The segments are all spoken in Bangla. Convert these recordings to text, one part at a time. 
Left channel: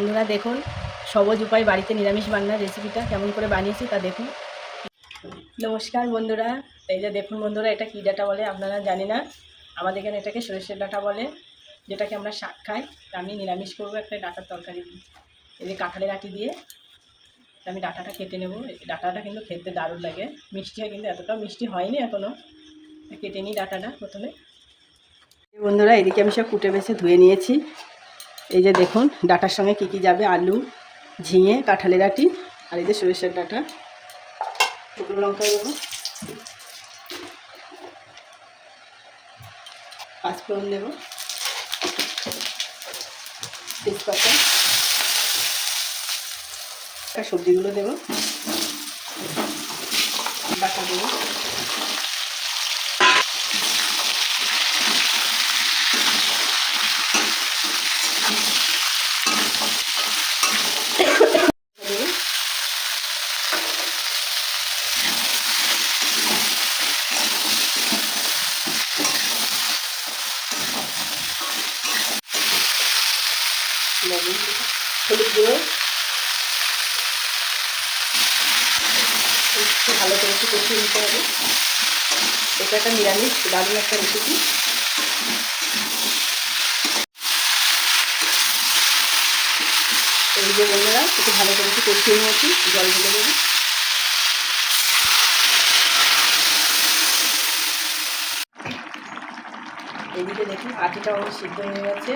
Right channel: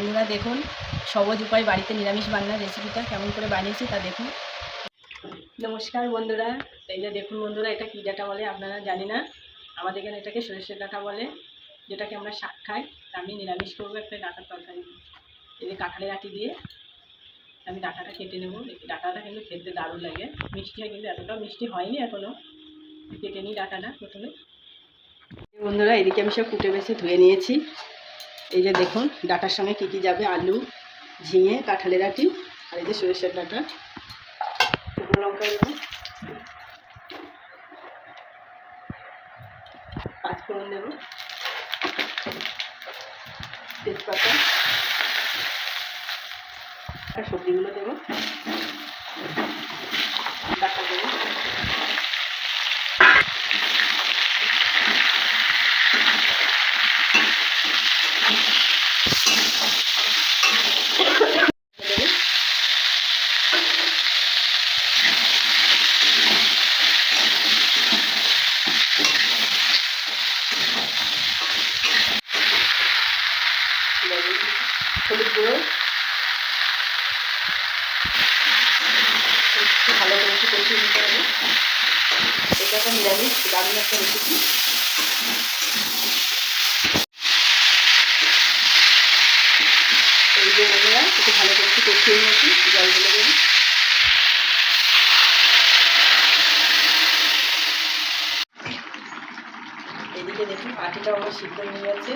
বন্ধুরা দেখুন সহজ উপায় বাড়িতে নিরামিষ বাংলার রেসিপিটা কেমন করে বানিয়েছি তা দেখুন। নমস্কার বন্ধুরা, এই যে দেখুন বন্ধুরা, এটা কী ডাঁটা বলে আপনারা জানি না, আমাদের এখানে এটাকে সরষের ডাঁটা বলে, যেটাকে আমরা শাক খাই। আমি নিরামিষ করবো একটা ডাঁটার তরকারি দিয়ে। এই যে কাঁঠালের আটি দিয়ে আমি ডাঁটাটা কেটে নেব। ডাঁটাটা কিন্তু খেতে দারুণ লাগে, মিষ্টি হয়, কিন্তু এতটাও মিষ্টি হয়নি এখনও। কেটে নিই ডাঁটাটা প্রথমে। বন্ধুরা এদিকে আমি সব কুটে বেছে ধুয়ে নিয়েছি। এই যে দেখুন ডাঁটার সঙ্গে কী কী যাবে: আলু, ঝিঙে, কাঁঠালের আটি, আর এই যে সরষের ডাঁটা। শুকনো লঙ্কা দেবো, পাঁচফোড়ন দেবো, তেজপাতা, আর সবজিগুলো দেবো, ডাঁটা দেবো, লবণ, হলুদ গুঁড়ো, একটু ভালো করে একটু কষিয়ে নিতে হবে। এটা একটা নিরামিষ দারুণ একটা রেসিপি। এই যে বন্ধুরা একটু ভালো করে একটু কষিয়ে নিয়েছি, জল ঢেলে দেবো। এদিকে দেখুন আটিটা অনেক সিদ্ধ হয়ে গেছে।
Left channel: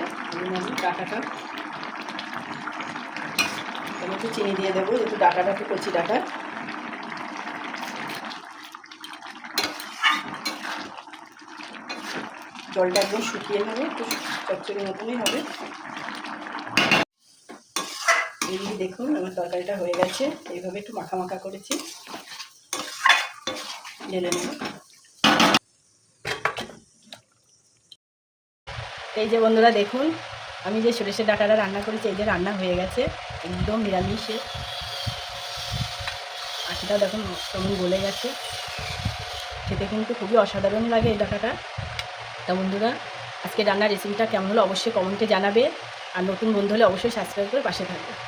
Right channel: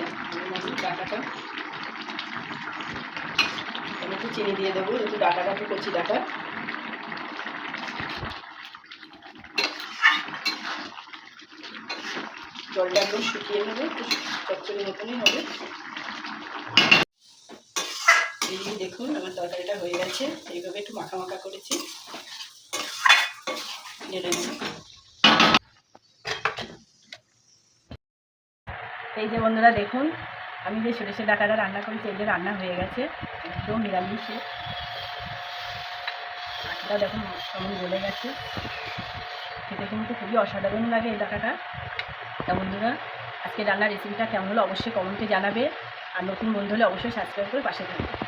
ডাঁটাটা আমি একটু চিনি দিয়ে দেবো, একটু ডাঁটাটা একটু কচি ডাঁটা। জলটা একদম শুকিয়ে নেবো, একটু চচ্চড়ি মতনই হবে। এই দেখুন আমার তরকারিটা হয়ে গেছে, এইভাবে একটু মাখা মাখা করেছি, ঢেলে নেব। এই যে বন্ধুরা দেখুন আমি যে সরষের ডাঁটাটা রান্না করেছি, এই যে রান্না হয়ে গেছে একদম নিরামিষে। আটিটা দেখুন কেমন গলে গেছে, খেতে কিন্তু খুবই অসাধারণ লাগে এই ডাঁটাটা। তা বন্ধুরা আজকে রান্নার রেসিপিটা কেমন হলো অবশ্যই কমেন্টে জানাবে, আর নতুন বন্ধু হলে অবশ্যই সাবস্ক্রাইব করে পাশে থাকবে।